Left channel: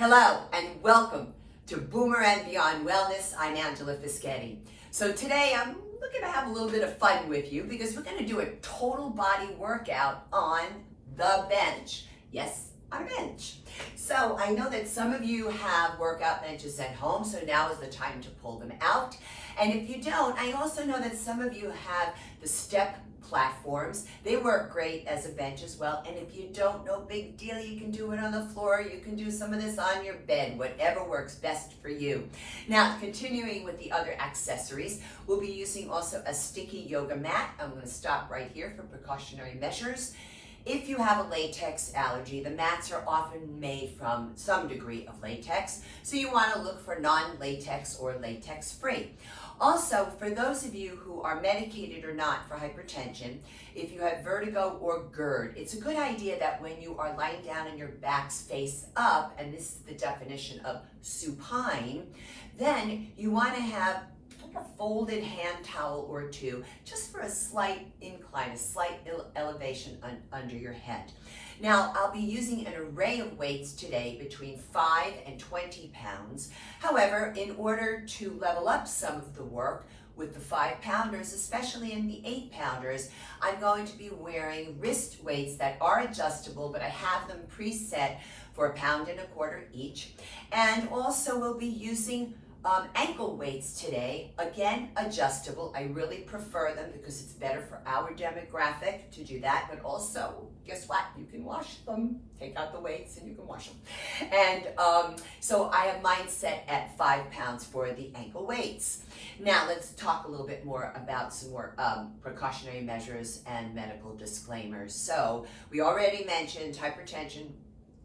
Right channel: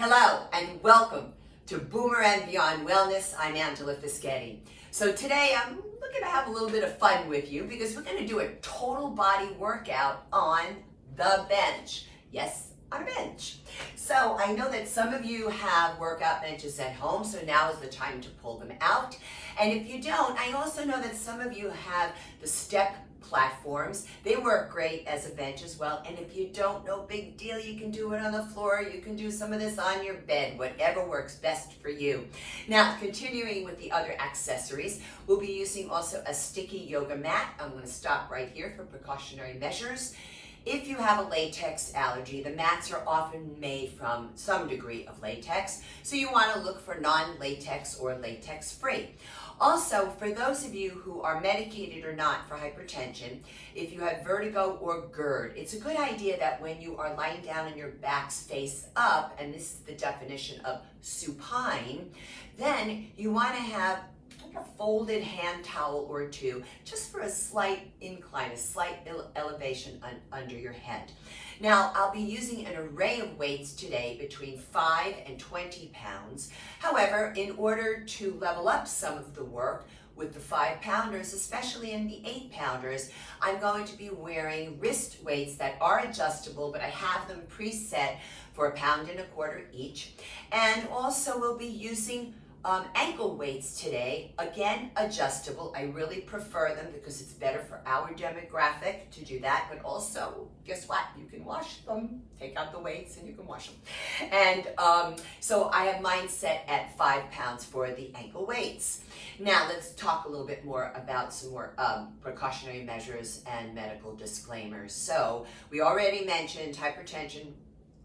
Hello and welcome to Boomer and Beyond Wellness. I'm Angela Fischetti. So today I'm looking to have a little bit of fun with you because we're going to do a total body workout on the bench. Yes, on a bench. So I know that some of you have workout benches at home, so now is the time to pull them out. And if you don't, I also know that some of you have the step platforms. They work great as a bench as well. And if you don't, no big deal. You can do it on the floor. You can do some of this on your bed, whatever works best for you. Now, continuing with the other accessories, we'll be using also a sticky yoga mat. I'm going to stop right here for precautionary measures. If you have a latex allergy, the mats are often made from some degree of latex, so you want to look for non-latex or latex-free. Also, for those of you who are medicated or not for hypertension, if you have vertigo or GERD, it's a good idea that when you are lying down and your back's face up, and this is the definition of supine, then you want to have a folded hand towel or two, just for a slight incline, a slight elevation under your head. Now, I'll be using an array of weights today between 5 and 20 pounds. However, in order to level up some of the work with the 5-pounders, especially in the 8-pounders, I'm going to be wearing wrist weights that are adjustable, but I have them preset for 1.25 pounds each. And also we'll be using ankle weights today, again adjustable. I really prefer them because it's better for our demographic to do that, but also guess what, you can wash them. Take out the weights and you can wash them. And so I have mine set at 5 pounds for the ankle weights. Now let's talk a little bit more about some more precautionary measures and medical disclaimers. So we already mentioned hypertension,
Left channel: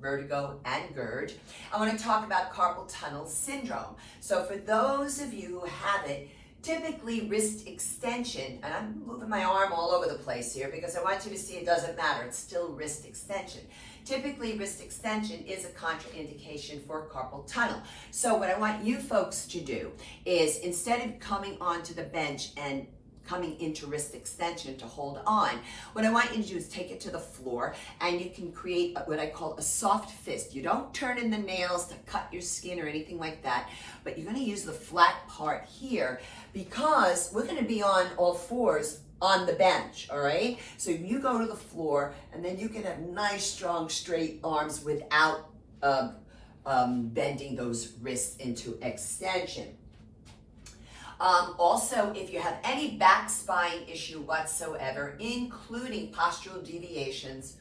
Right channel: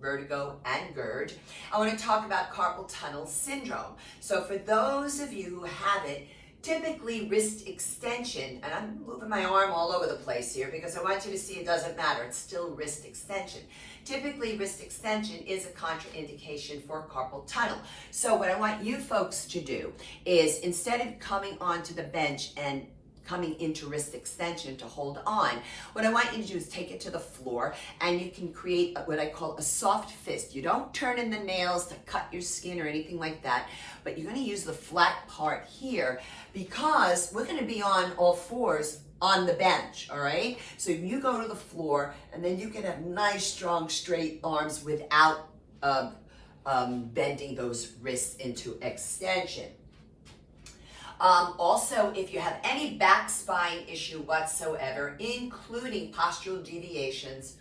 vertigo, and GERD. I want to talk about carpal tunnel syndrome. So for those of you who have it, typically wrist extension, and I'm moving my arm all over the place here because I want you to see it doesn't matter, it's still wrist extension. Typically, wrist extension is a contraindication for carpal tunnel. So what I want you folks to do is, instead of coming onto the bench and coming into wrist extension to hold on, what I want you to do is take it to the floor and you can create what I call a soft fist. You don't turn in the nails to cut your skin or anything like that, but you're going to use the flat part here because we're going to be on all fours on the bench, all right? So you go to the floor and then you can have nice, strong, straight arms without bending those wrists into extension. Also, if you have any back spine issue whatsoever, including postural deviations,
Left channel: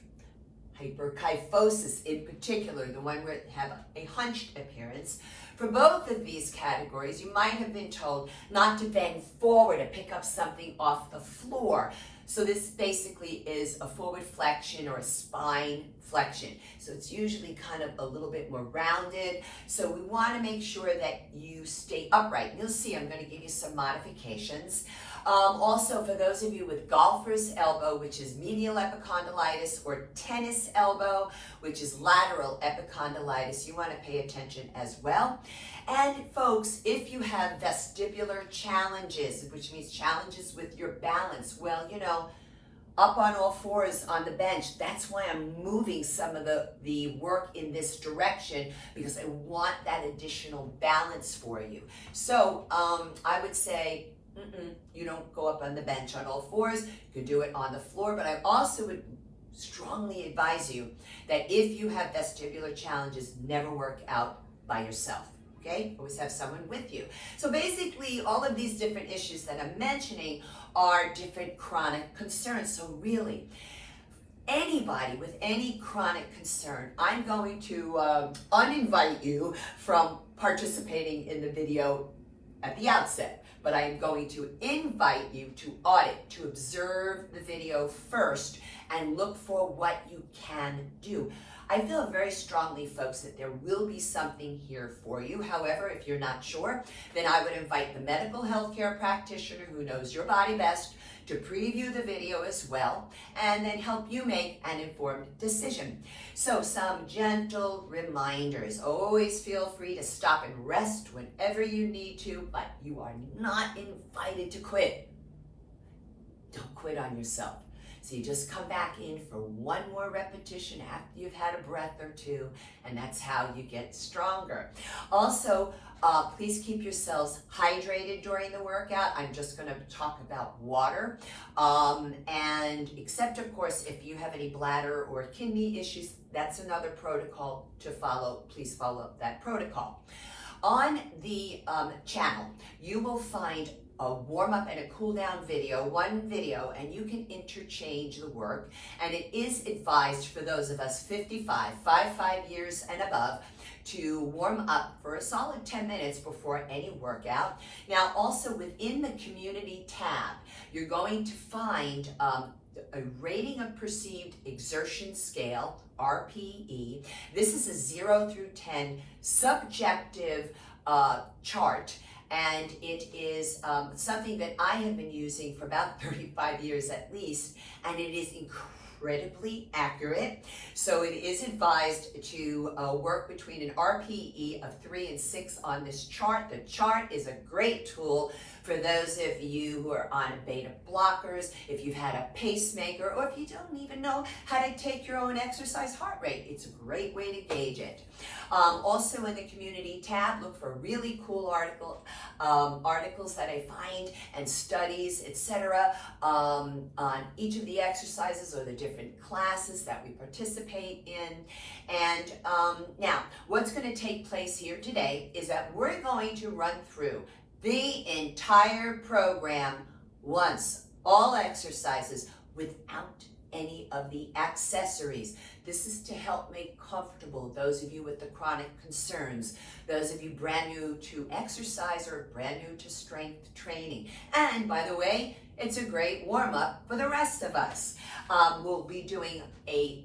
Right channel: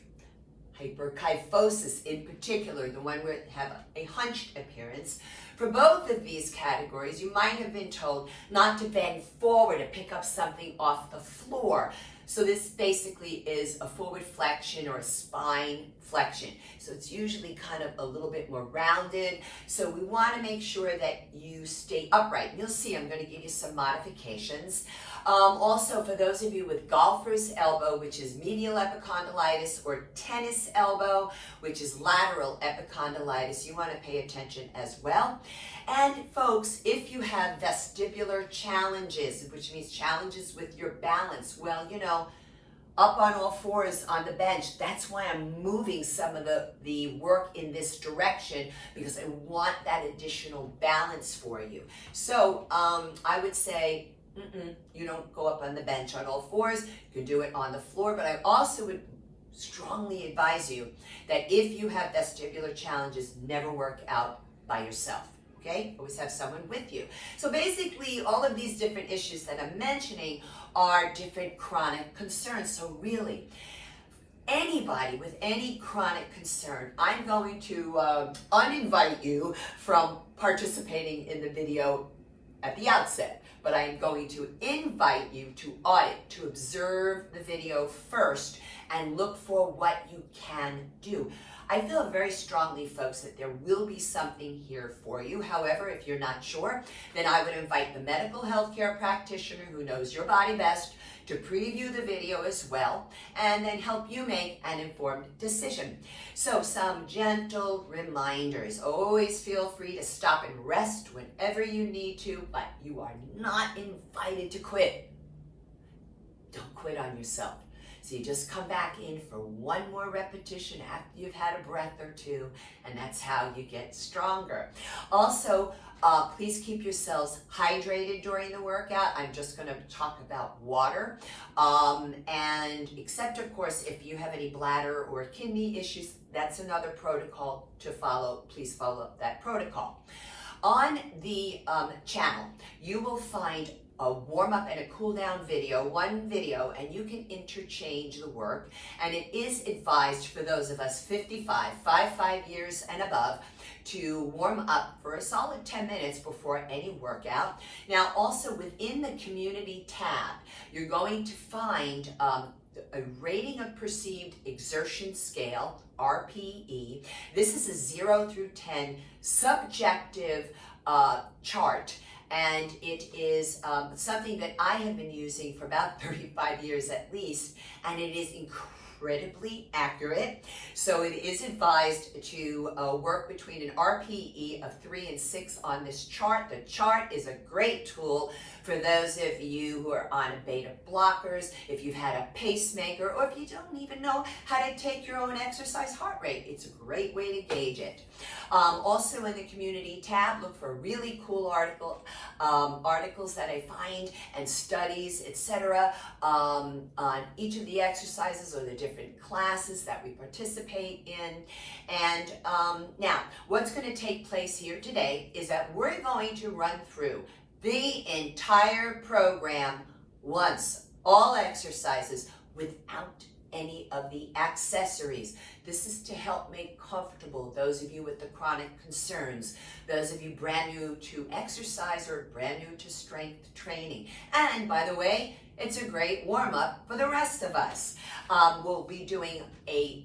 hyperkyphosis in particular, the one where you have a hunched appearance, for both of these categories, you might have been told not to bend forward to pick up something off the floor. So this basically is a forward flexion or a spine flexion. So it's usually kind of a little bit more rounded. So we want to make sure that you stay upright. You'll see I'm going to give you some modifications. Also, for those of you with golfer's elbow, which is medial epicondylitis, or tennis elbow, which is lateral epicondylitis, you want to pay attention as well. And folks, if you have vestibular challenges, which means challenges with your balance, well, you know, up on all fours on the bench, that's why I'm moving some of the work in this direction, because I want that additional balance for you. So I would say, you don't go up on the bench on all fours. You can do it on the floor, but I also would strongly advise you that if you have vestibular challenges, never work out by yourself. Okay? Always have someone with you. So basically, all of these different issues that I'm mentioning are different chronic concerns. So really, anybody with any chronic concern, I'm going to uninvite you from participating in the video at the outset. But I am going to invite you to audit, to observe the video first and look for what you can do. I feel very strongly, folks, that there will be something here for you. However, if you're not sure, then I would invite the medical healthcare practitioner who knows your body best to preview the video as well and then help you make an informed decision. So some gentle reminders. Always feel free to stop and rest whenever you need to, but you are not invited to quit. Don't quit on yourself. So you just come back in for one more repetition after you've had a breath or two, and that's how you get stronger. Also, please keep yourselves hydrated during the workout. I'm just going to talk about water, and except of course if you have any bladder or kidney issues, that's another protocol to follow. Please follow that protocol. On the channel, you will find a warm-up and a cool-down video, one video, and you can interchange the work. And it is advised for those of us 55 years and above to warm up for a solid 10 minutes before any workout. Now, also within the community tab, you're going to find a rating of perceived exertion scale, RPE. This is a 0 through 10 subjective chart. And it is something that I have been using for about 35 years at least, and it is incredibly accurate. So it is advised to work between an RPE of 3 and 6 on this chart. The chart is a great tool for those of you who are on beta blockers, if you've had a pacemaker, or if you don't even know how to take your own exercise heart rate. It's a great way to gauge it. Also in the community tab, look for really cool articles that I find and studies, etc. On each of the exercises or the different classes that we participate in. And now, what's going to take place here today is that we're going to run through the entire program once, all exercises, without any of the accessories. This is to help make comfortable those of you with the chronic concerns, those of you brand new to exercise or brand new to strength training. And by the way, it's a great warm-up for the rest of us. We'll be doing a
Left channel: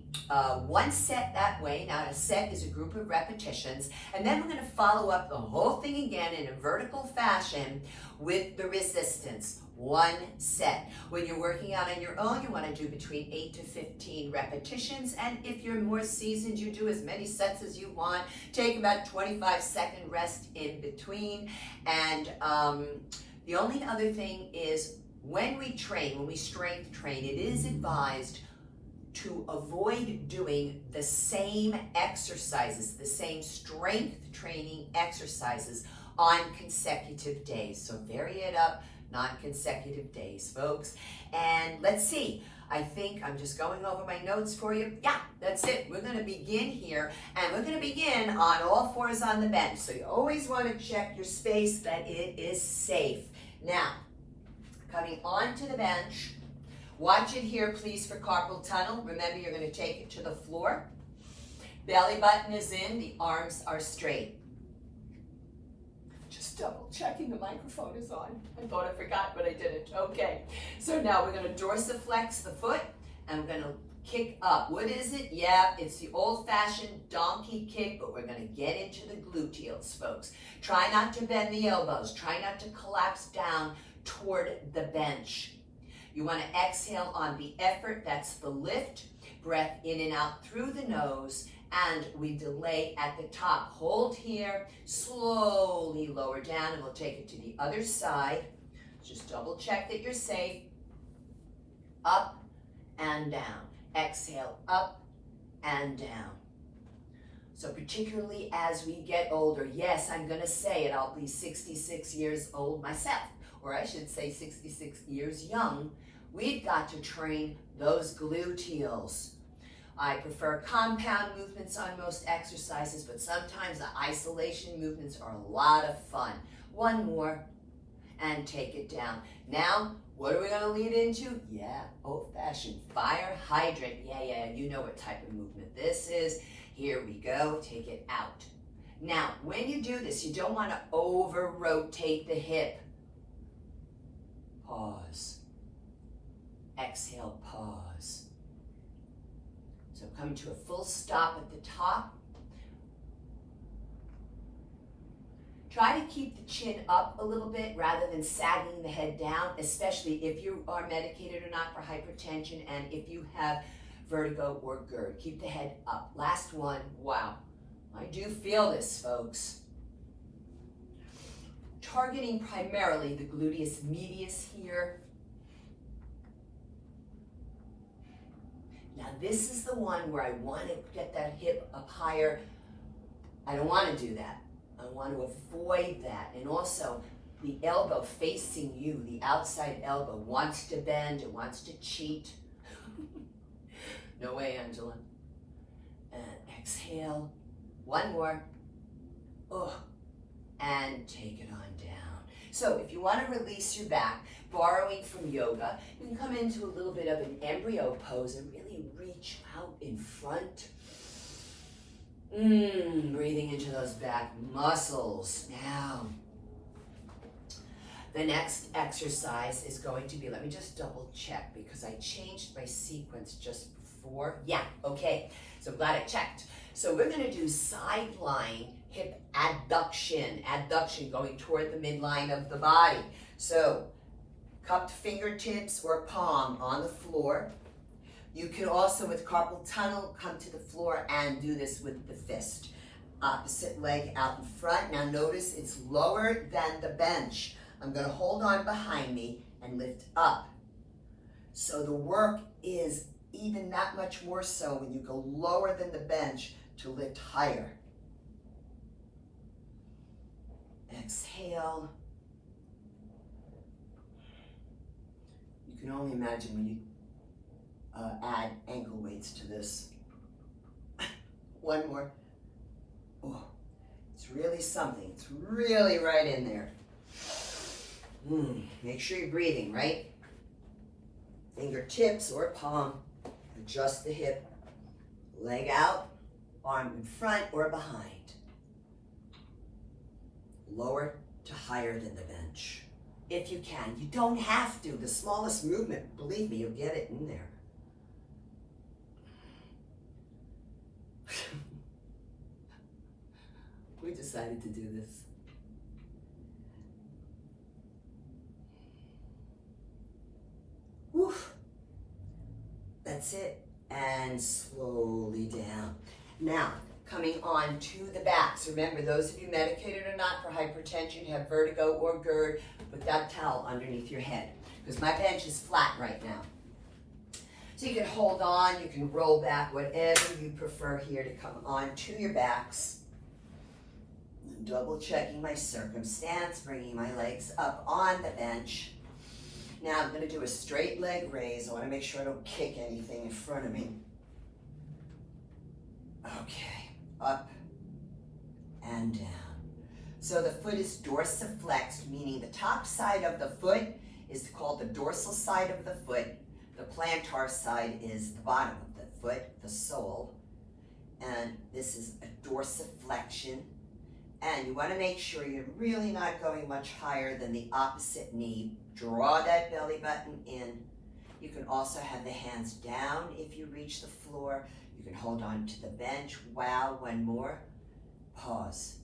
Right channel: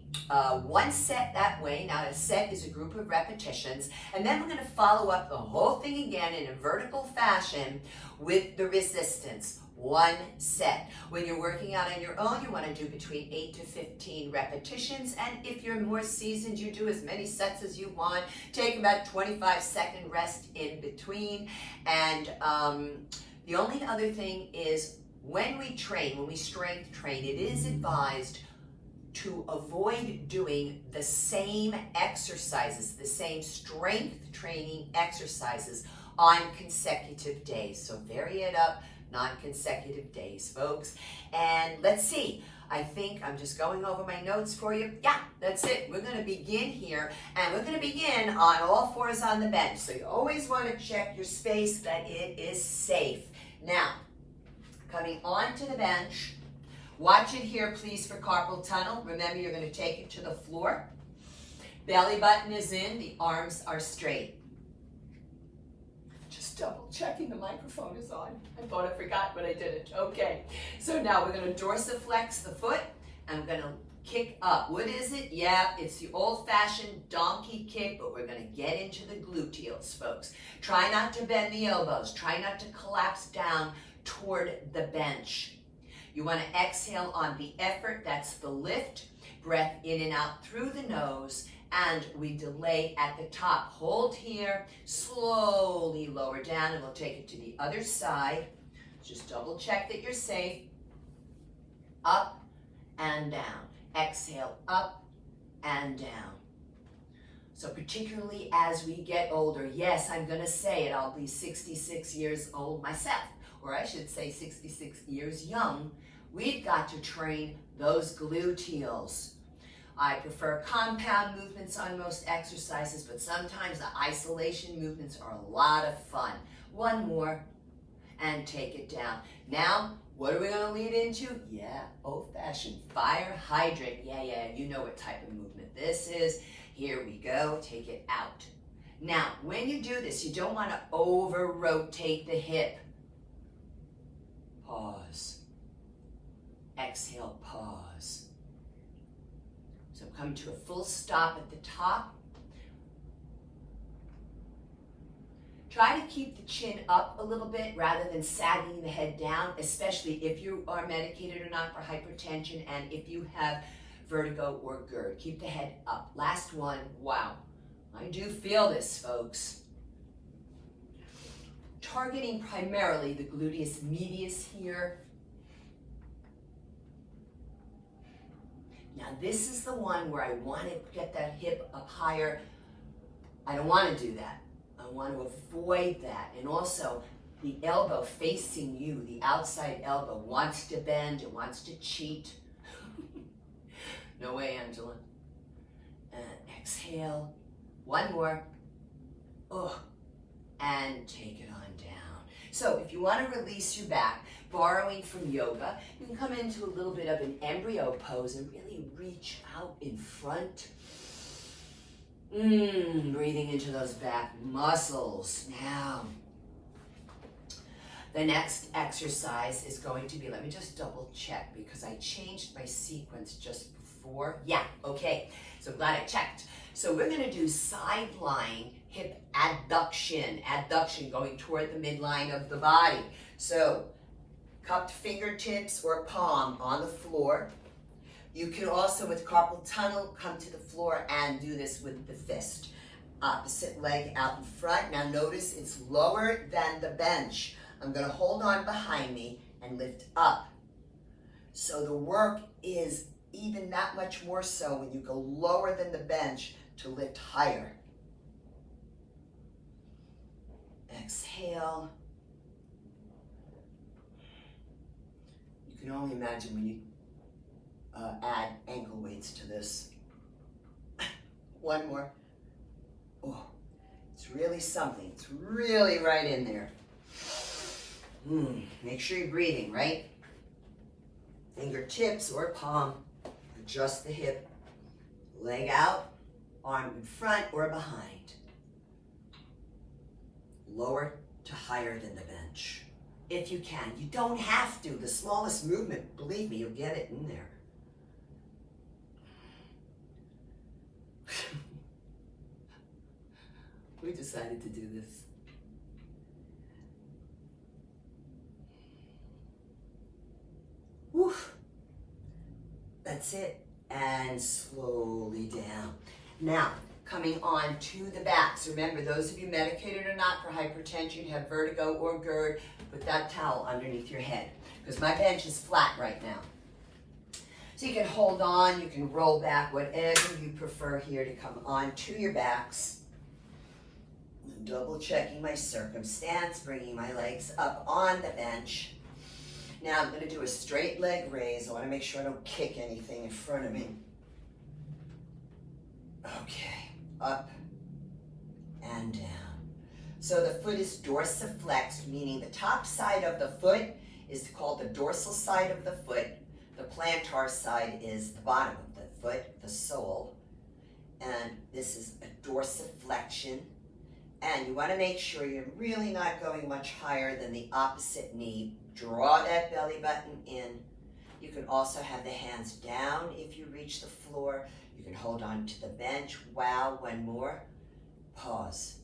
one set that way. Now, a set is a group of repetitions, and then we're going to follow up the whole thing again in a vertical fashion with the resistance. One set. When you're working out on your own, you want to do between 8 to 15 repetitions, and if you're more seasoned, you do as many sets as you want. Take about 25-second rest in between. And the only other thing is, when we strength train, it is advised to avoid doing the same exercises, the same strength training exercises on consecutive days. So vary it up, non-consecutive days, folks. And let's see, I think I'm just going over my notes for you. Yeah, that's it. We're going to begin here, and we're going to begin on all fours on the bench. So you always want to check your space that it is safe. Now, coming onto the bench, watch it here, please, for carpal tunnel. Remember, you're going to take it to the floor. Belly button is in, the arms are straight. Just double checking the microphone is on. I thought I forgot, but I didn't. Okay, so now we're going to dorsiflex the foot, and we're going to kick up. What is it? Yeah, it's the old-fashioned donkey kick, but we're going to get into the gluteals, folks. Try not to bend the elbows. Try not to collapse down toward the bench. You want to exhale on the effort, that's the lift. Breath in and out through the nose, and we delay at the top. Hold here, slowly lower down, and we'll take it to the other side. Just double check that you're safe. Up and down. Exhale, up and down. So particularly as we get older, yes, I'm going to say it, I'll be 66 years old myself, or I should say 66 years young. We've got to train those gluteals. I prefer compound movements on most exercises, but sometimes the isolation movements are a lot of fun. One more, and take it down. Now, what are we going to lead into? Yeah, old-fashioned fire hydrant. Yeah, you know what type of movement this is. Here we go, take it out. Now, when you do this, you don't want to over-rotate the hip. Pause. Exhale, pause. So come to a full stop at the top. Try to keep the chin up a little bit rather than sagging the head down, especially if you are medicated or not for hypertension, and if you have vertigo or GERD. Keep the head up. Last one. Wow. I do feel this, folks. Targeting primarily the gluteus medius here. Now this is the one where I want to get that hip up higher. I don't want to do that. I want to avoid that. And also, the elbow facing you, the outside elbow, wants to bend, it wants to cheat. No way, Angela. And exhale. One more. Oh, and take it on down. So if you want to release your back, borrowing from yoga, you can come into a little bit of an embryo pose and really reach out in front. Breathing into those back muscles. Now, the next exercise is going to be, let me just double check because I changed my sequence just before. Yeah, okay, so glad I checked. So we're gonna do side lying hip adduction. Adduction going toward the midline of the body. So cupped fingertips or palm on the floor. You can also, with carpal tunnel, come to the floor and do this with the fist. Opposite leg out in front. Now notice it's lower than the bench. I'm gonna hold on behind me and lift up. So the work is even that much more so when you go lower than the bench to lift higher. Exhale. You can only imagine when you add ankle weights to this. One more. Oh, it's really something. It's really right in there. Make sure you're breathing, right? Fingertips or palm. Adjust the hip. Leg out, arm in front or behind. Lower to higher than the bench. If you can. You don't have to. The smallest movement, believe me, you'll get it in there. We decided to do this. Woof. That's it. And slowly down. Now, coming on to the backs. Remember, those of you medicated or not for hypertension, have vertigo or GERD, put that towel underneath your head. Because my bench is flat right now. So you can hold on, you can roll back, whatever you prefer here to come on to your backs. Double checking my circumstance, bringing my legs up on the bench. Now I'm going to do a straight leg raise. I want to make sure I don't kick anything in front of me. Okay, up and down. So the foot is dorsiflexed, meaning the top side of the foot is called the dorsal side of the foot. The plantar side is the bottom of the foot, the sole. And this is a dorsiflexion. And you want to make sure you're really not going much higher than the opposite knee. Draw that belly button in. You can also have the hands down if you reach the floor. You can hold on to the bench. Wow, one more. Pause.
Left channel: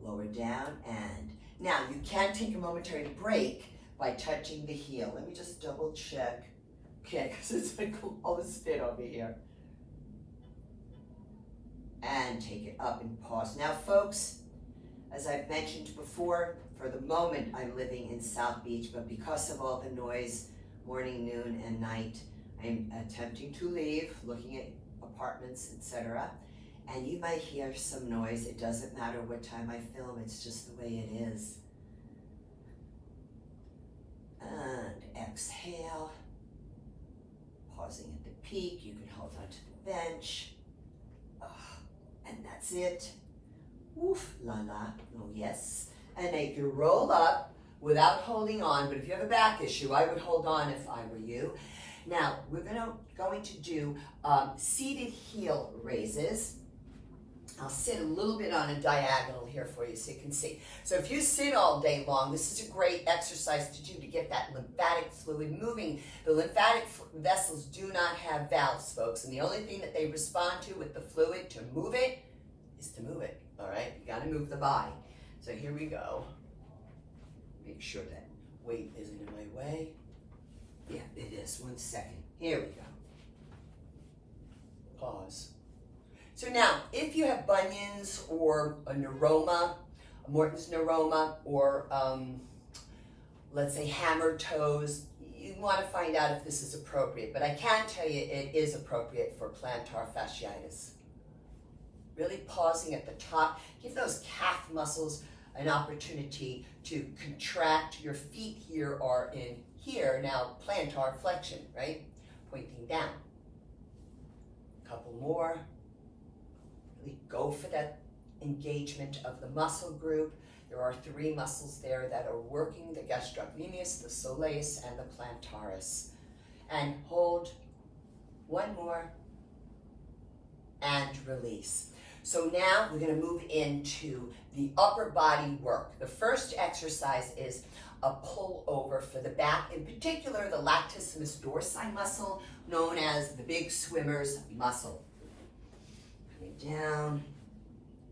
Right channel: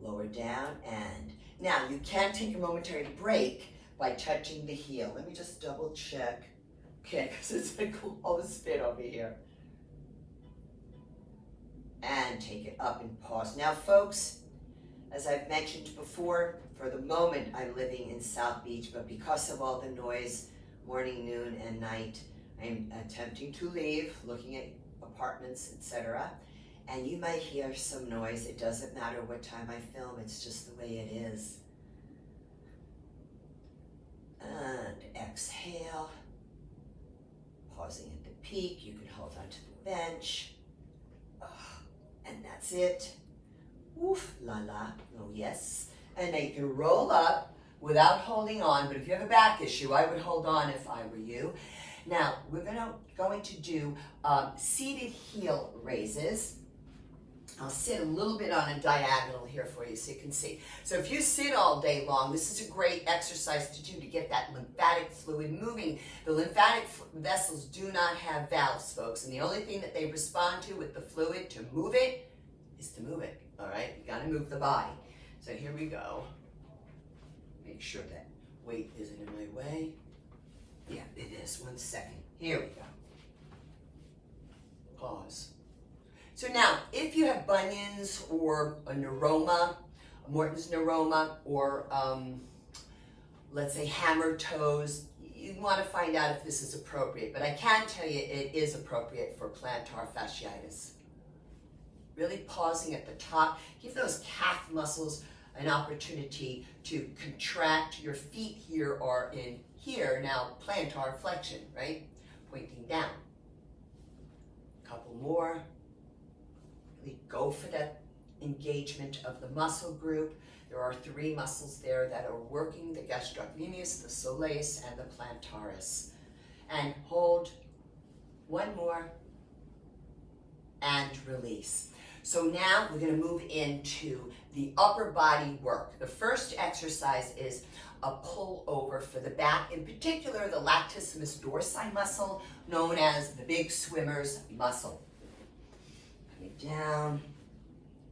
Lower down and. Now, you can take a momentary break by touching the heel. Let me just double check. Okay, because it's like all this fit over here. And take it up and pause. Now, folks, as I've mentioned before, for the moment I'm living in South Beach, but because of all the noise, morning, noon, and night, I'm attempting to leave, looking at apartments, etc. And you might hear some noise. It doesn't matter what time I film, it's just the way it is. And exhale. Pausing at the peak, you can hold onto the bench. And that's it. Oof, la la, oh yes. And then you can roll up without holding on, but if you have a back issue, I would hold on if I were you. Now, we're going to do seated heel raises. I'll sit a little bit on a diagonal here for you so you can see. So if you sit all day long, this is a great exercise to do to get that lymphatic fluid moving. The lymphatic vessels do not have valves, folks, and the only thing that they respond to with the fluid to move it is to move it, all right? You gotta move the body. So here we go. Make sure that weight isn't in my way. Yeah, it is. 1 second. Here we go. Pause. So now, if you have bunions or a neuroma, a Morton's neuroma, or let's say hammer toes, you want to find out if this is appropriate, but I can tell you it is appropriate for plantar fasciitis. Really pausing at the top. Give those calf muscles an opportunity to contract. Your feet here are in here. Now, plantar flexion, right? Pointing down. A couple more. Really go for that engagement of the muscle group. There are 3 muscles there that are working, the gastrocnemius, the soleus, and the plantaris. And hold. One more. And release. So now we're going to move into the upper body work. The first exercise is a pullover for the back, in particular the latissimus dorsi muscle, known as the big swimmer's muscle. Coming down.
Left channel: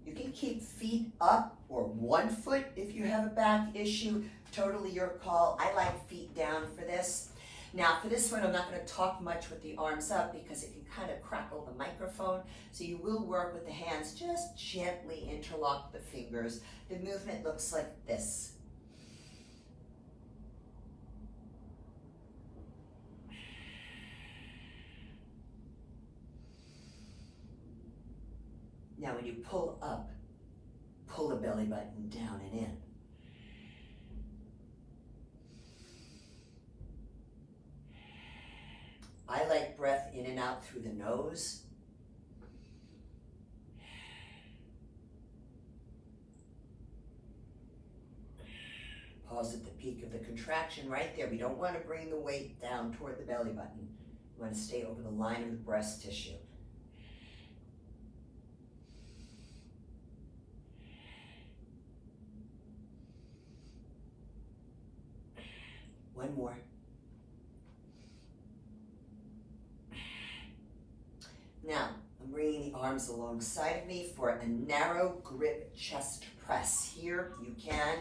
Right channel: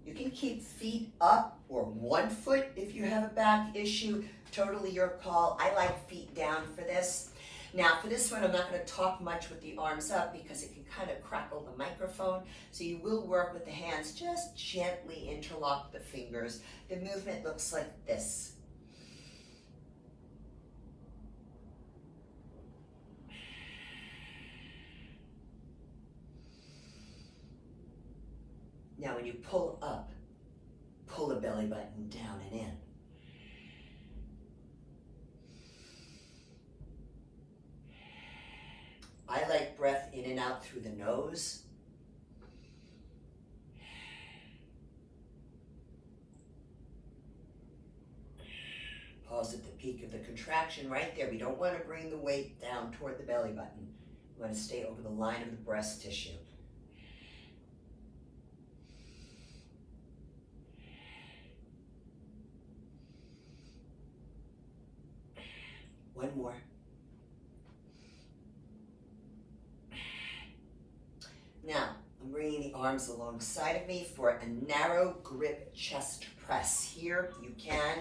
You can keep feet up or 1 foot if you have a back issue. Totally your call. I like feet down for this. Now for this one, I'm not going to talk much with the arms up because it can kind of crackle the microphone. So you will work with the hands. Just gently interlock the fingers. The movement looks like this. Now when you pull up, pull the belly button down and in. I like breath in and out through the nose. Pause at the peak of the contraction right there. We don't want to bring the weight down toward the belly button. We want to stay over the line of the breast tissue. One more. Now, I'm bringing the arms alongside of me for a narrow grip chest press. Here, you can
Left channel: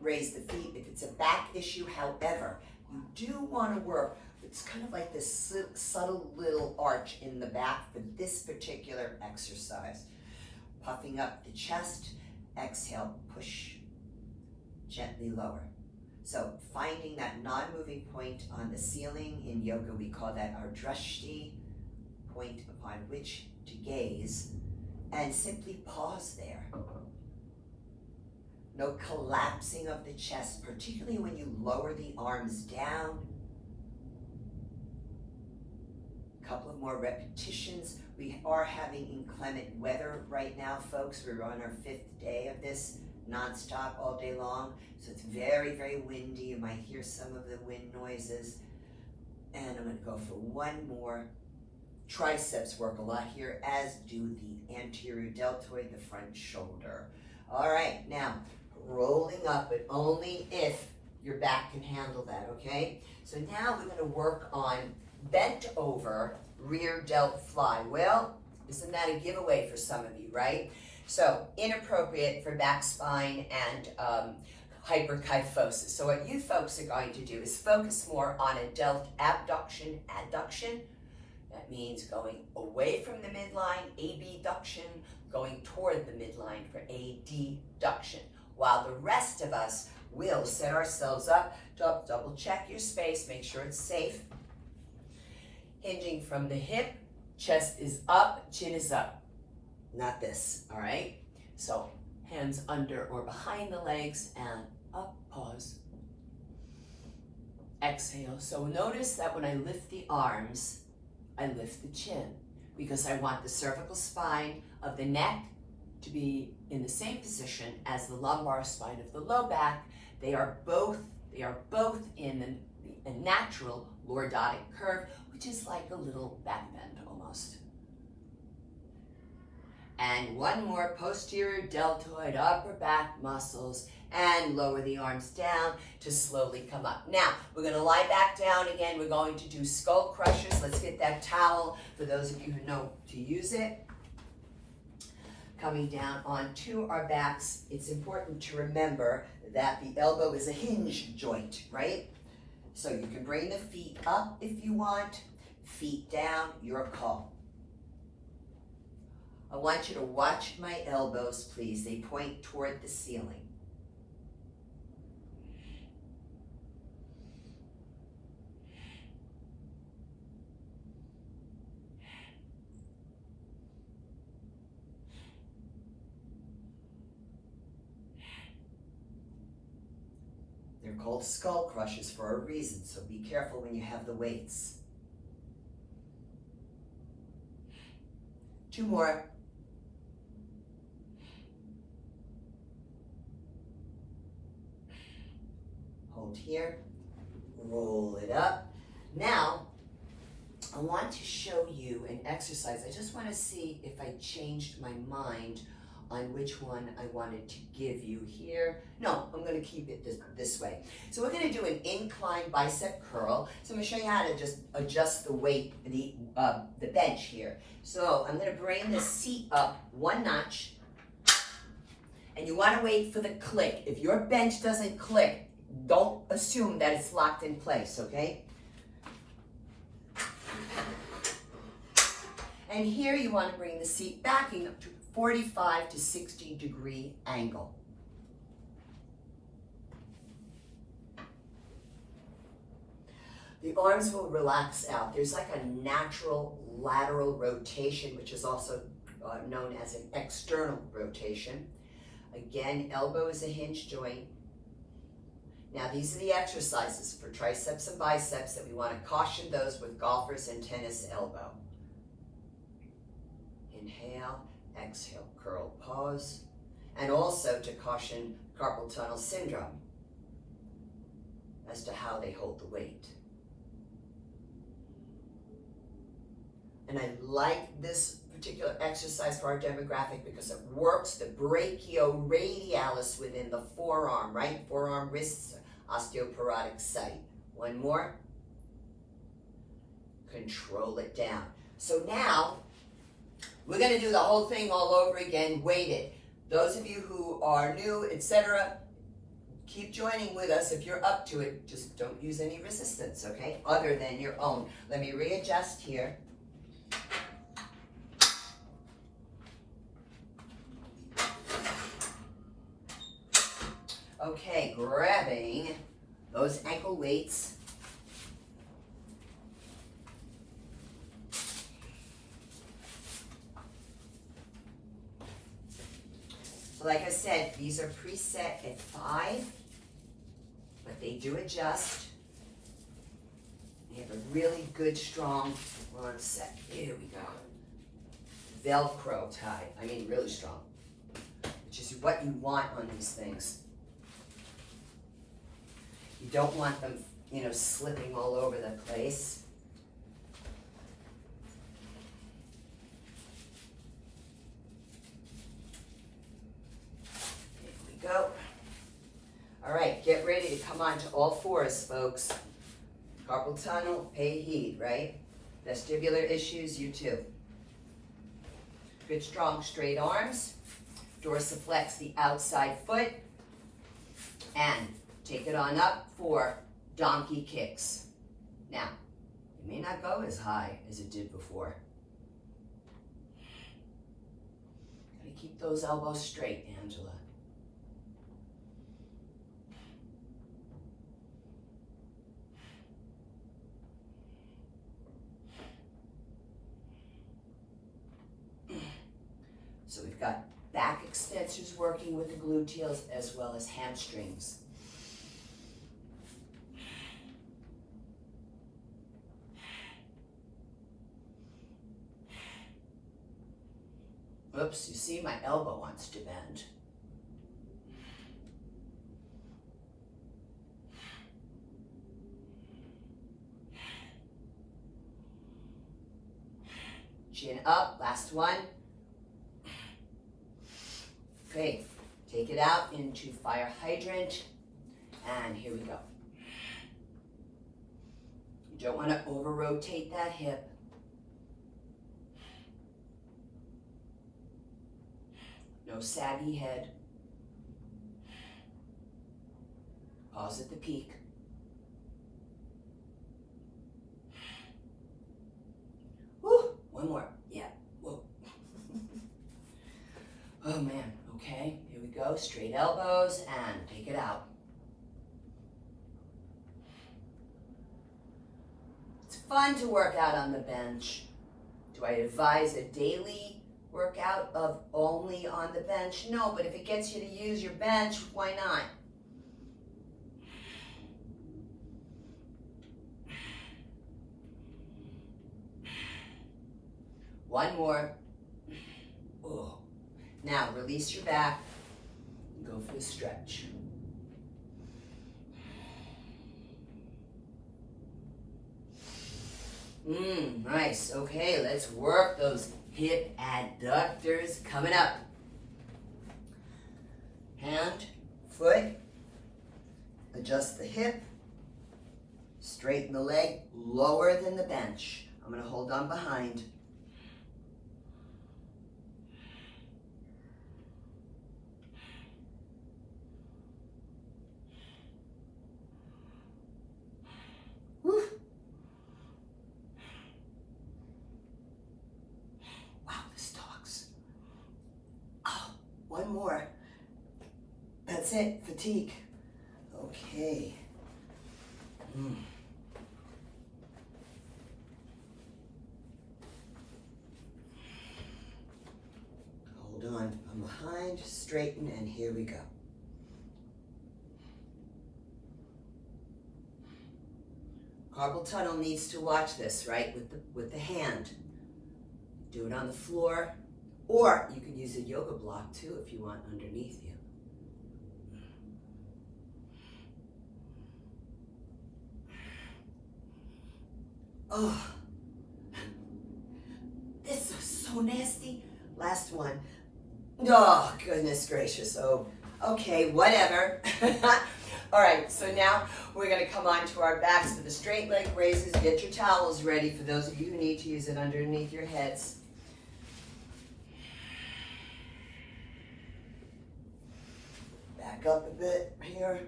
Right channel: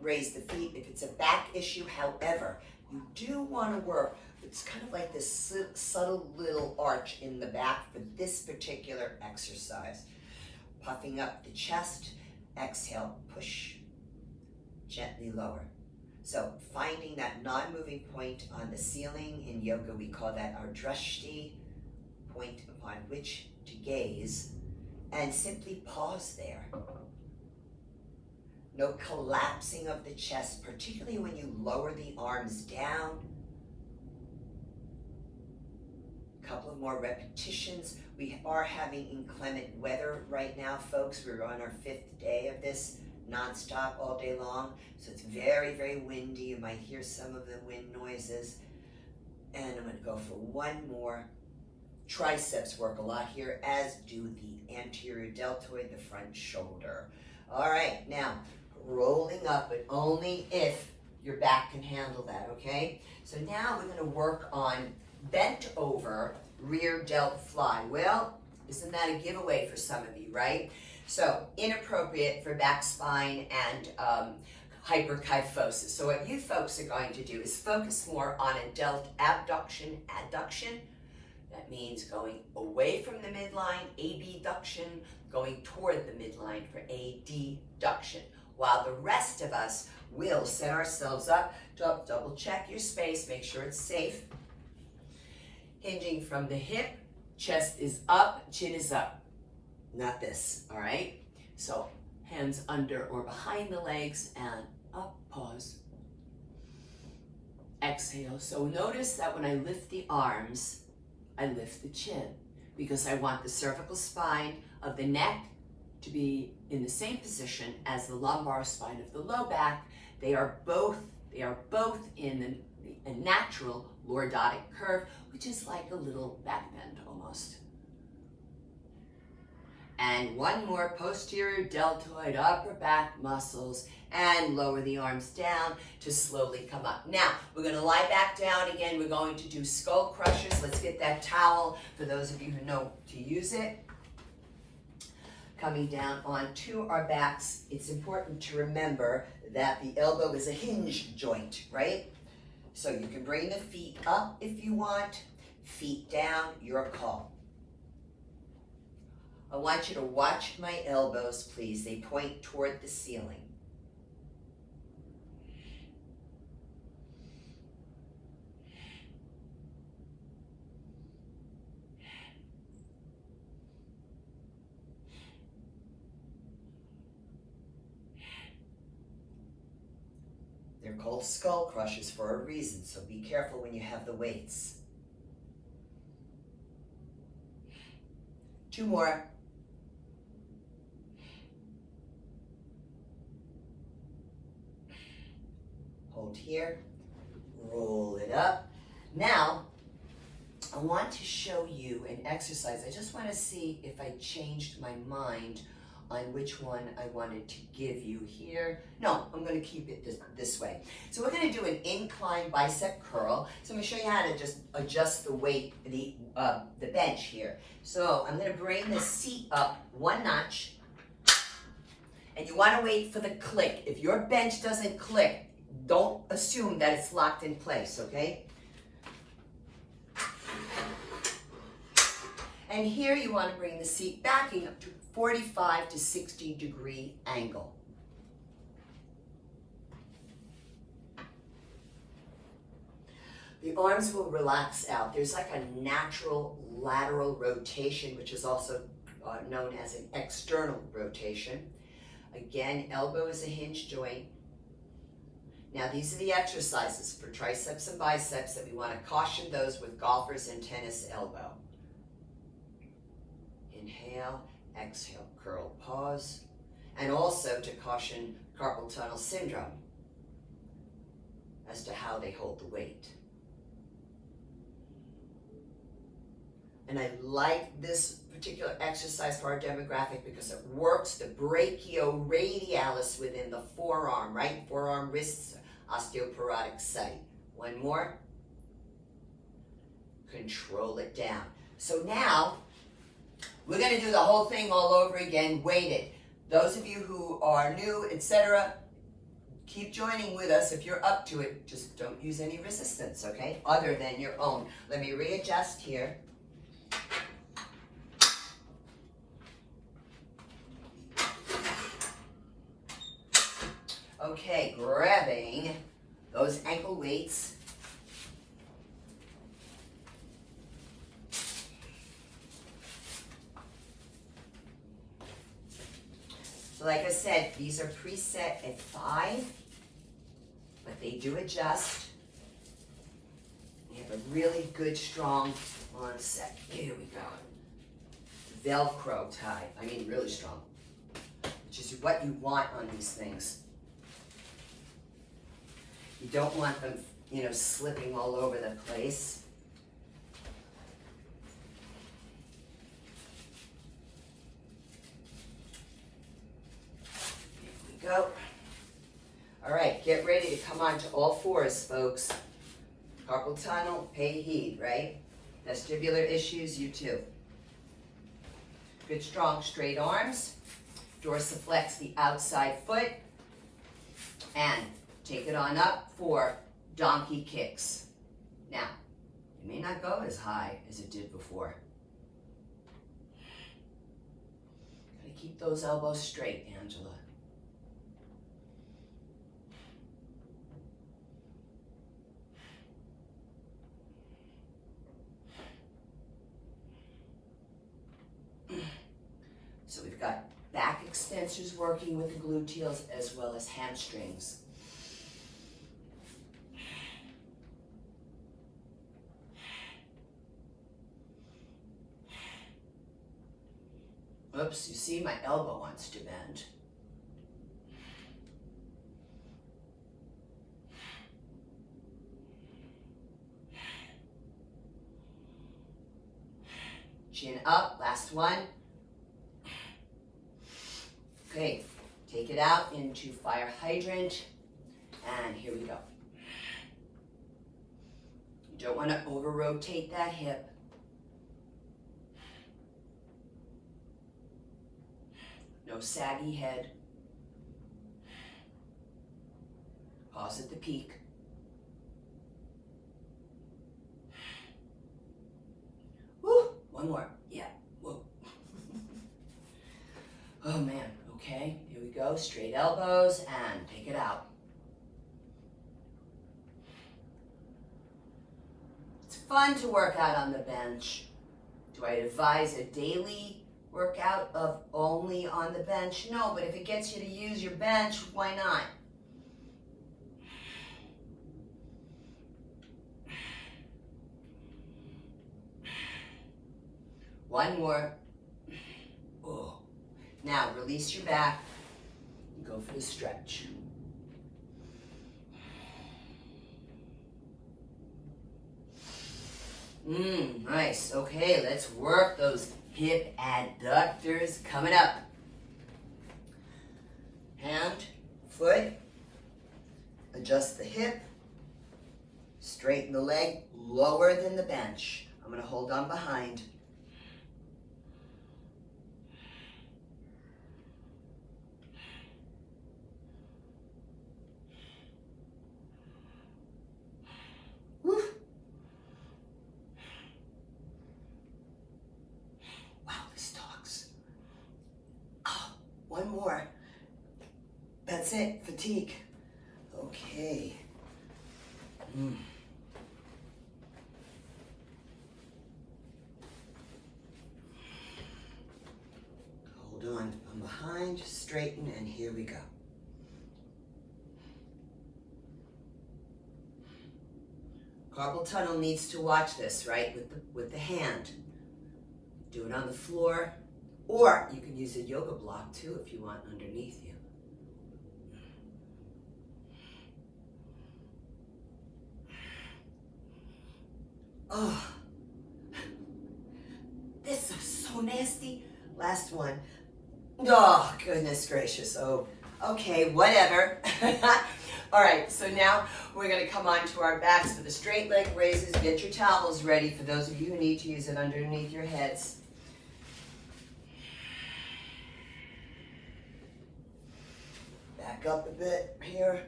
raise the feet if it's a back issue. However, you do want to work. It's kind of like this subtle little arch in the back for this particular exercise. Puffing up the chest, exhale, push, gently lower. So finding that non-moving point on the ceiling, in yoga we call that our drishti, point upon which to gaze, and simply pause there. No collapsing of the chest, particularly when you lower the arms down. A couple of more repetitions. We are having inclement weather right now, folks. We're on our 5th day of this, nonstop all day long. So it's very, very windy. You might hear some of the wind noises. And I'm going to go for one more. Triceps work a lot here, as do the anterior deltoid, the front shoulder. All right, now rolling up, but only if your back can handle that, okay? So now we're going to work on bent over rear delt fly. Well, isn't that a giveaway for some of you, right? So inappropriate for back spine and hyperkyphosis. So what you folks are going to do is focus more on a delt abduction, adduction. That means going away from the midline, abduction, going toward the midline for adduction. While the rest of us will set ourselves up, double check your space, make sure it's safe. Hinging from the hip, chest is up, chin is up. Not this, all right? So hands under or behind the legs and up, pause. Exhale. So notice that when I lift the arms, I lift the chin because I want the cervical spine of the neck to be in the same position as the lumbar spine of the low back. They are both in a natural lordotic curve, which is like a little back bend almost. And one more, posterior deltoid, upper back muscles, and lower the arms down to slowly come up. Now, we're going to lie back down again. We're going to do skull crushers. Let's get that towel for those of you who know to use it. Coming down onto our backs, it's important to remember that the elbow is a hinge joint, right? So you can bring the feet up if you want, feet down, your call. I want you to watch my elbows, please. They point toward the ceiling. called Skullcrushers for a reason, so be careful when you have the weights. 2 more. Hold here, roll it up. Now, I want to show you an exercise. I just want to see if I changed my mind on which one I wanted to give you here. No, I'm going to keep it this way. So we're going to do an incline bicep curl. So I'm going to show you how to just adjust the weight, the bench here. So I'm going to bring the seat up 1 notch, and you want to wait for the click. If your bench doesn't click, don't assume that it's locked in place, okay? And here you want to bring the seat backing up to 45 to 60 degree angle. The arms will relax out. There's like a natural lateral rotation, which is also known as an external rotation. Again, elbow is a hinge joint. Now these are the exercises for triceps and biceps that we want to caution those with golfers and tennis elbow. Inhale, exhale, curl, pause, and also to caution carpal tunnel syndrome as to how they hold the weight. And I like this particular exercise for our demographic because it works the brachioradialis within the forearm, right? Forearm, wrists, osteoporotic site. 1 more. Control it down. So now, we're going to do the whole thing all over again, weighted. Those of you who are new, etc., keep joining with us. If you're up to it, just don't use any resistance, okay? Other than your own. Let me readjust here. Okay, grabbing those ankle weights. So like I said, these are preset at 5, but they do adjust. We have a really good, strong, 1 sec, here we go. Velcro tie, I mean really strong, which is what you want on these things. You don't want them, you know, slipping all over the place. Here we go. All right, get ready to come on to all 4s, folks. Carpal tunnel, pay heed, right? Vestibular issues, you too. Good, strong, straight arms. Dorsiflex the outside foot. And take it on up for donkey kicks. Now, it may not go as high as it did before. Gotta keep those elbows straight, Angela. So we've got back extensors working with the gluteals as well as hamstrings. Oops, you see my elbow wants to bend. Chin up, last one. Okay, take it out into fire hydrant, and here we go. You don't want to over-rotate that hip. No saggy head. Pause at the peak. Woo, 1 more, yeah, whoa. Oh man, okay, here we go, straight elbows and take it out. It's fun to work out on the bench. Do I advise a daily workout of only on the bench? No, but if it gets you to use your bench, why not? One more. Oh. Now release your back and go for the stretch. Nice. Okay, let's work those hip adductors coming up. Hand, foot, adjust the hip, straighten the leg lower than the bench. I'm going to hold on behind. Woo. Wow, this talks. Oh, one more. That's it, fatigue. Okay. Hold on, I'm behind, straighten, and here we go. Carpal tunnel needs to watch this, right, with the hand. Do it on the floor, or you could use a yoga block too if you want underneath you. Oh, this is so nasty. Last one. Oh, goodness gracious. Oh, okay, whatever. All right, so now we're going to come on to our backs for the straight leg raises. Get your towels ready for those of you who need to use it underneath your heads. Back up a bit here.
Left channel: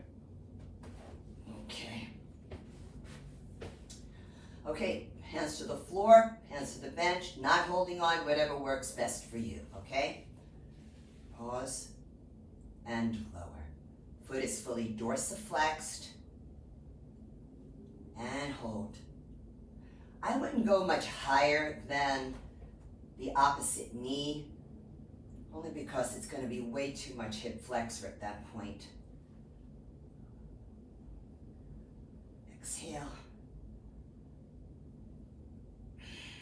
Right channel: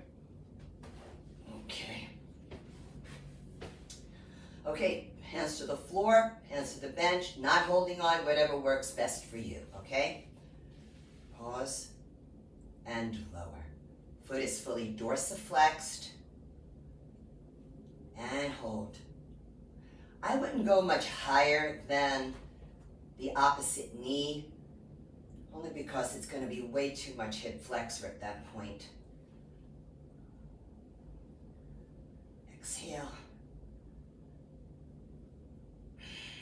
Okay. Okay, hands to the floor, hands to the bench, not holding on, whatever works best for you, okay? Pause and lower. Foot is fully dorsiflexed and hold. I wouldn't go much higher than the opposite knee, only because it's going to be way too much hip flexor at that point. Exhale.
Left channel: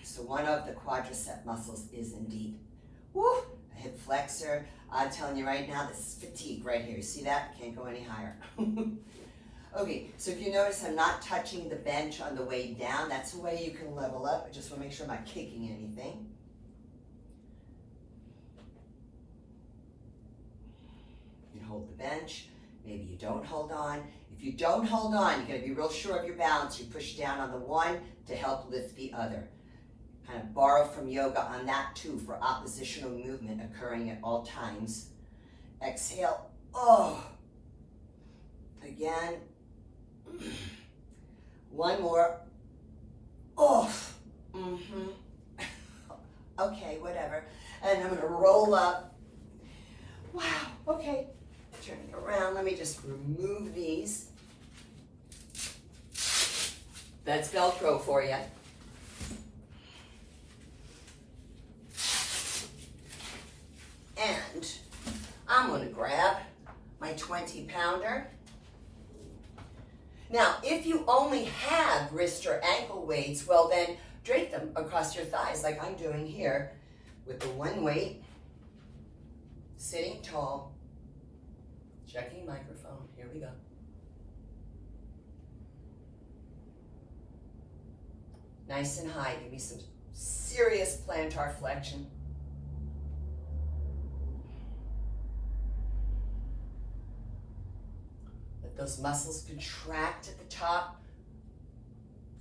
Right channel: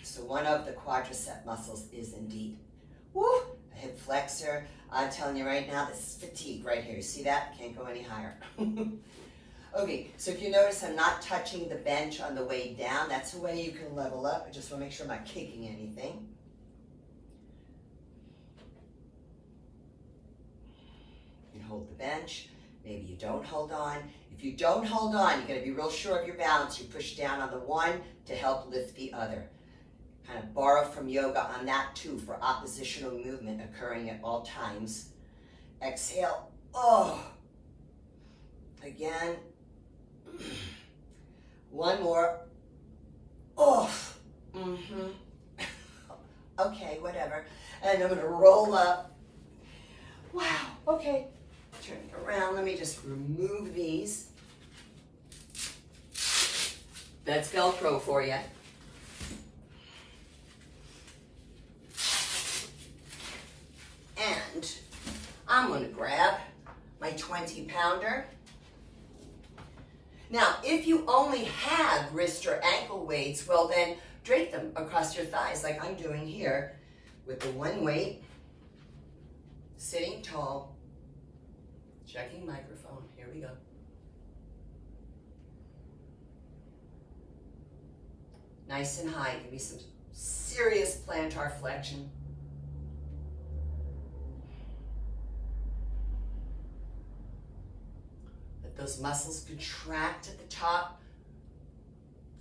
So one of the quadricep muscles is indeed, woo, a hip flexor. I'm telling you right now, this is fatigue right here. You see that? Can't go any higher. Okay, so if you notice I'm not touching the bench on the way down, that's a way you can level up. I just want to make sure I'm not kicking anything. You can hold the bench. Maybe you don't hold on. If you don't hold on, you're going to be real sure of your balance. You push down on the one to help lift the other. Kind of borrow from yoga on that too for oppositional movement occurring at all times. Exhale. Oh. Again. One more. Oh. Okay, whatever. And I'm going to roll up. Wow. Okay. Turning around. Let me just remove these. That's Velcro for you. And I'm going to grab my 20-pounder. Now, if you only have wrist or ankle weights, well then drape them across your thighs like I'm doing here with the one weight, sitting tall, checking microphone. Here we go. Nice and high. Give me some serious plantar flexion. Those muscles contract at the top.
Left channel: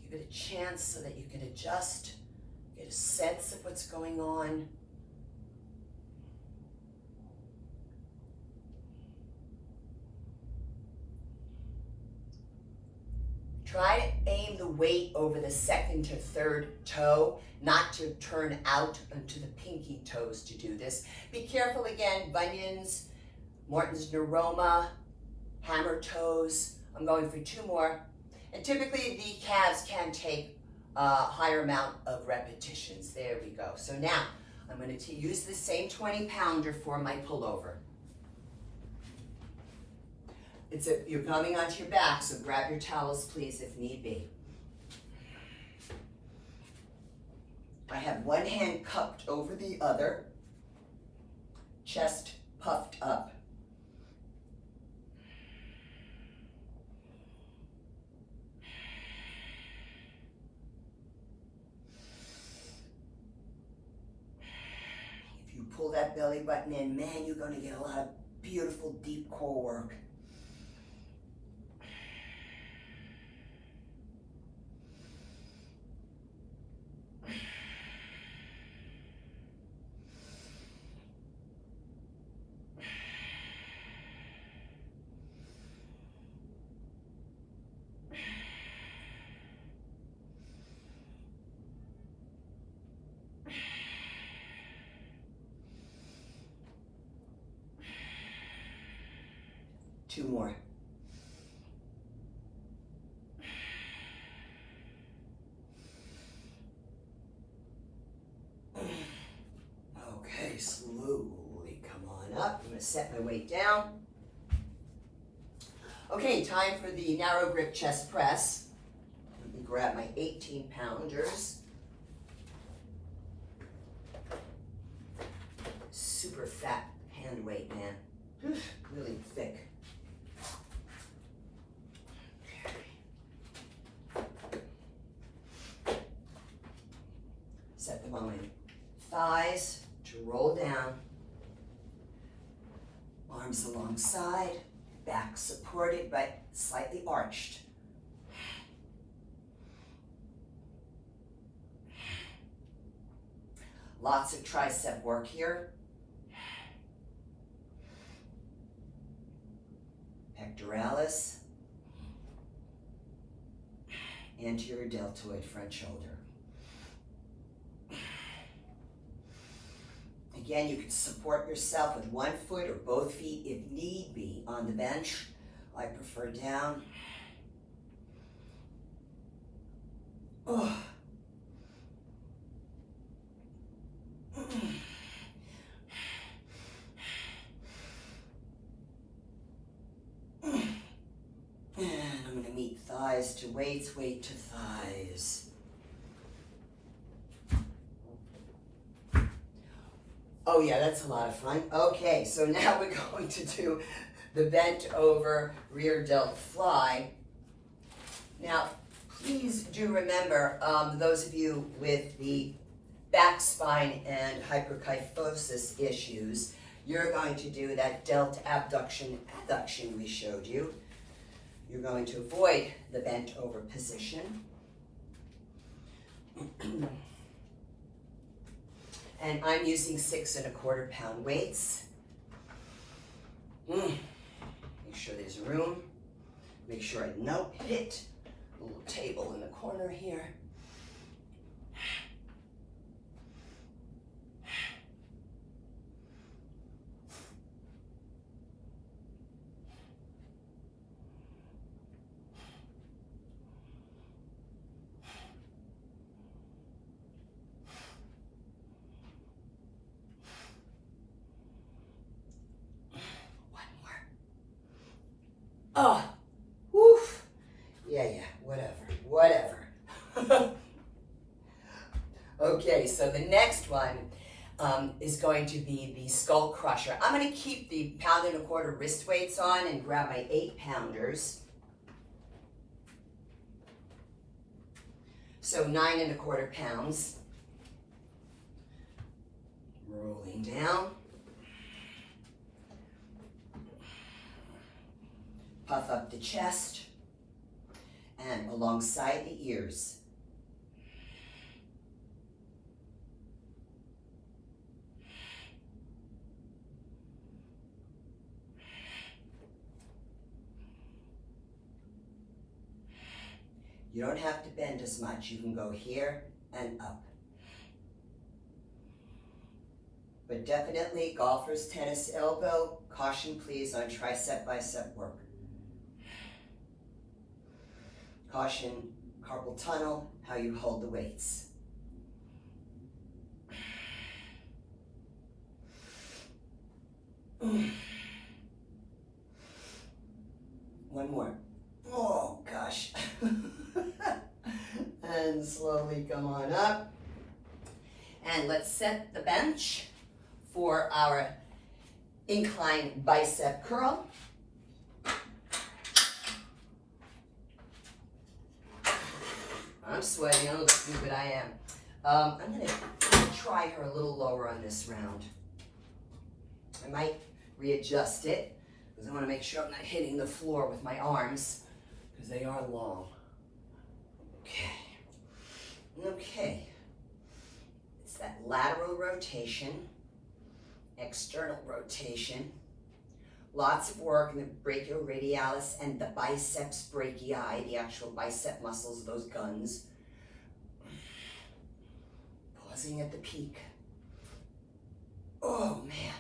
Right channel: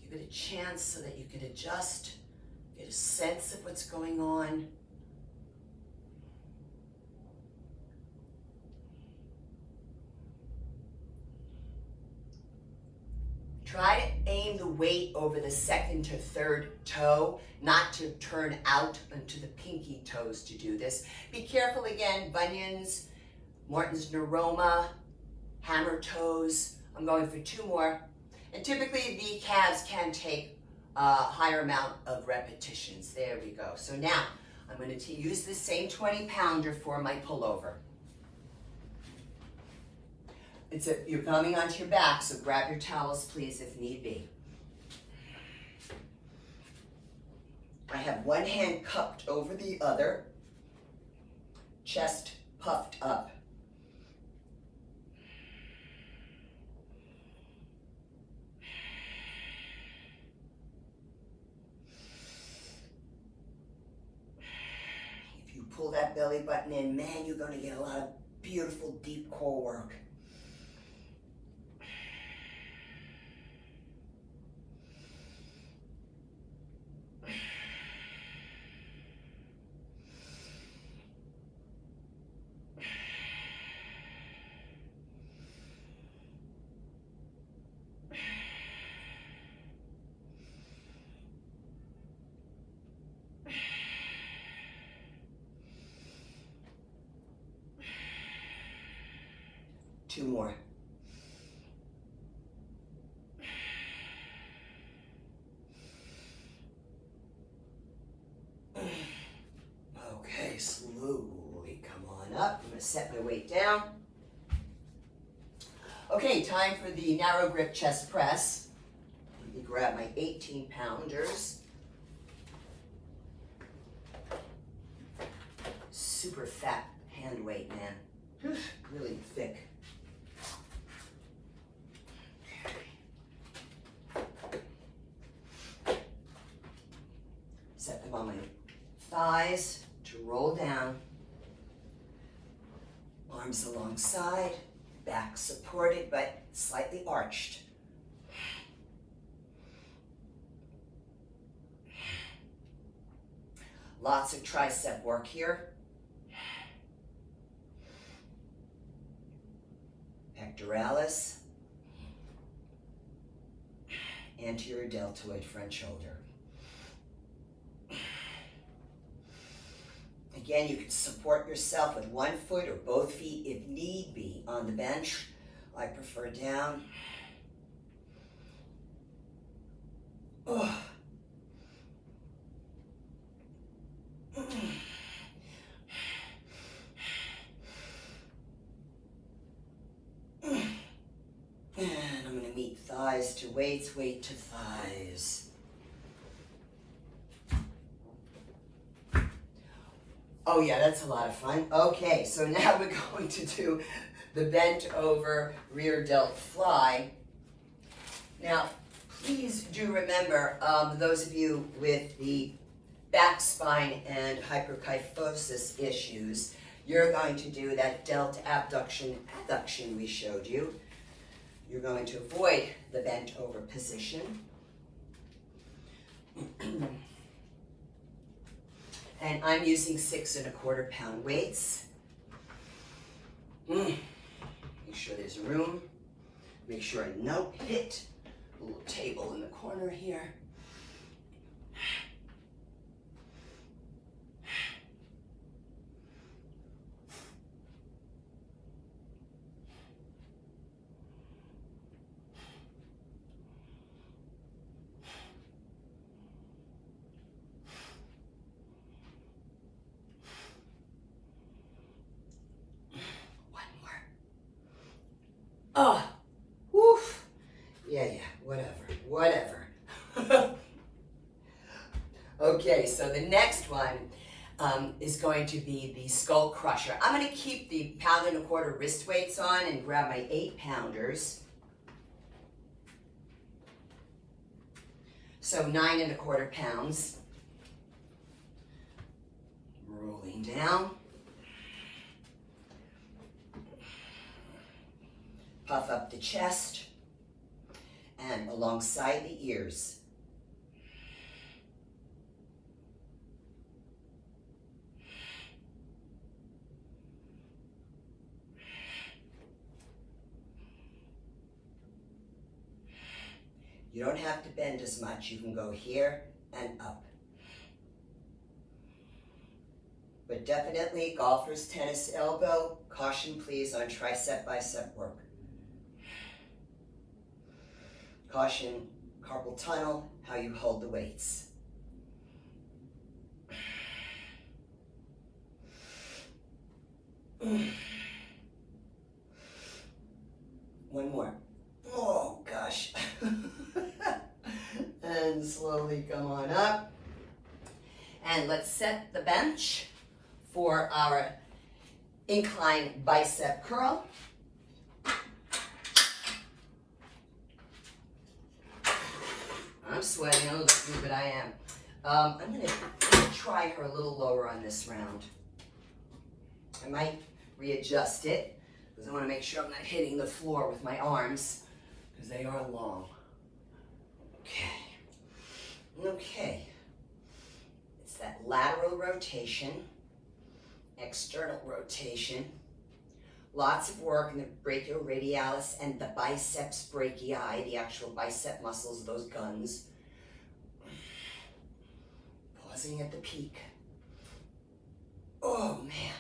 Give it a chance so that you can adjust, get a sense of what's going on. Try to aim the weight over the second to third toe, not to turn out onto the pinky toes to do this. Be careful again, bunions, Morton's neuroma, hammer toes. I'm going for 2 more. And typically the calves can take a higher amount of repetitions. There we go. So now I'm going to use the same 20-pounder for my pullover. You're coming onto your back, so grab your towels, please, if need be. I have one hand cupped over the other, chest puffed up. If you pull that belly button in, man, you're going to get a lot of beautiful deep core work. Two more. Okay, slowly come on up. I'm going to set my weight down. Okay, time for the narrow grip chest press. Let me grab my 18-pounders. Super fat hand weight, man. Really thick. Set them on my thighs to roll down. Arms alongside, back supported but slightly arched. Lots of tricep work here. Pectoralis, anterior deltoid front shoulder. Again, you can support yourself with one foot or both feet if need be on the bench. I prefer down. Oh. And I'm going to meet thighs to weights, weight to thighs. Oh yeah, that's a lot of fun. Okay, so now we're going to do the bent over rear delt fly. Now, please do remember, those of you with the back spine and hyperkyphosis issues, you're going to do that delt abduction adduction we showed you. You're going to avoid the bent over position. And I'm using 6 1/4 pound weights. Make sure there's room. Make sure I don't hit a little table in the corner here. Oh, woof. Yeah, whatever. Okay, so the next one is going to be the Skullcrusher. I'm going to keep the 1 1/4 pound wrist weights on and grab my 8-pounders. So 9 1/4 pounds. Rolling down. Puff up the chest and alongside the ears. You don't have to bend as much. You can go here and up. But definitely golfer's tennis elbow. Caution please on tricep bicep work. Caution, carpal tunnel, how you hold the weights. One more. Oh gosh. And slowly come on up. And let's set the bench for our incline bicep curl. I'm sweating, oh, look good I am. I'm going to try her a little lower on this round. I might readjust it because I want to make sure I'm not hitting the floor with my arms because they are long. Okay. It's that lateral rotation, external rotation. Lots of work in the brachioradialis and the biceps brachii, the actual bicep muscles, those guns. Pausing at the peak. Oh, man.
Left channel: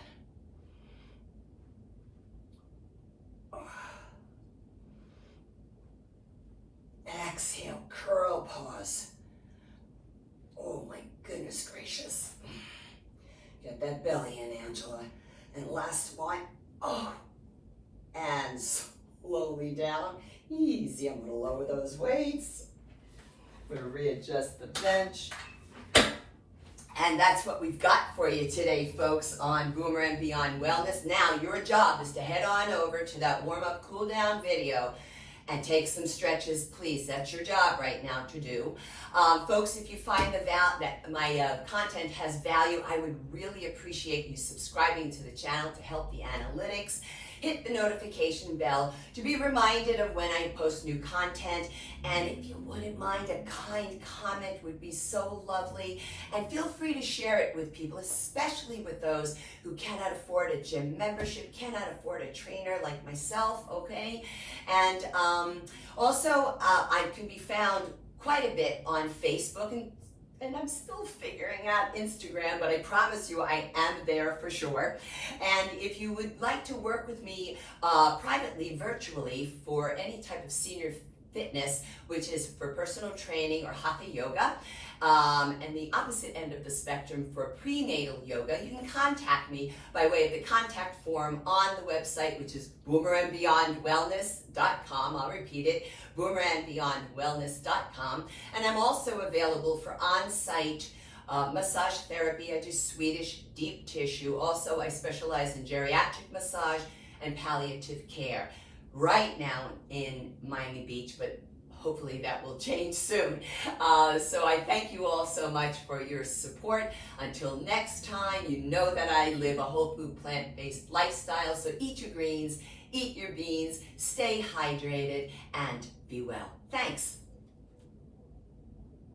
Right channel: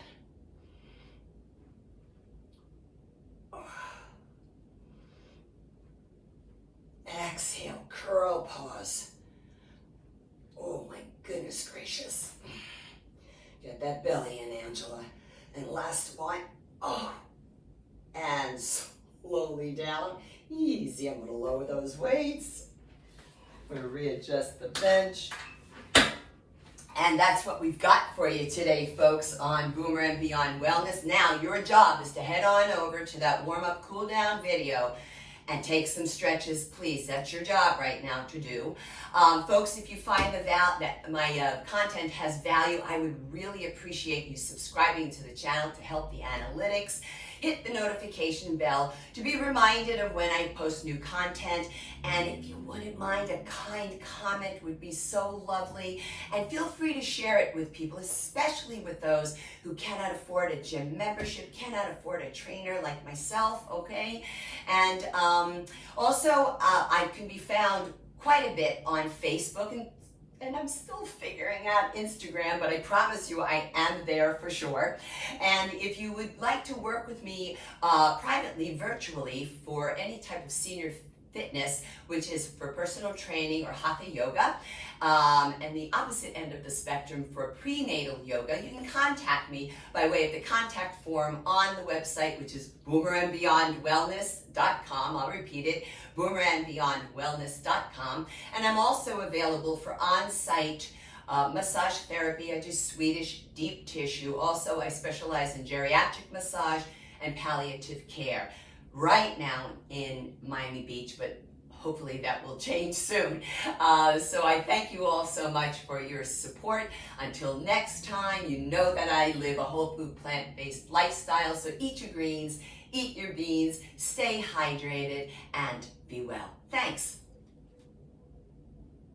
Exhale, curl, pause. Oh my goodness gracious. Get that belly in, Angela. And last one. Oh. And slowly down. Easy, I'm gonna lower those weights. I'm gonna readjust the bench. And that's what we've got for you today, folks, on Boomer and Beyond Wellness. Now, your job is to head on over to that warm-up, cool-down video and take some stretches, please. That's your job right now to do. Folks, if you find that my content has value, I would really appreciate you subscribing to the channel to help the analytics. Hit the notification bell to be reminded of when I post new content. And if you wouldn't mind, a kind comment would be so lovely. And feel free to share it with people, especially with those who cannot afford a gym membership, cannot afford a trainer like myself, okay? And also, I can be found quite a bit on Facebook, and I'm still figuring out Instagram, but I promise you I am there for sure. And if you would like to work with me privately, virtually, for any type of senior fitness, which is for personal training or hatha yoga, and the opposite end of the spectrum for prenatal yoga, you can contact me by way of the contact form on the website, which is boomerandbeyondwellness.com. I'll repeat it, boomerandbeyondwellness.com. And I'm also available for on-site massage therapy. I do Swedish deep tissue. Also, I specialize in geriatric massage and palliative care right now in Miami Beach, but hopefully that will change soon. So I thank you all so much for your support. Until next time, you know that I live a whole food, plant-based lifestyle, so eat your greens, eat your beans, stay hydrated, and be well. Thanks.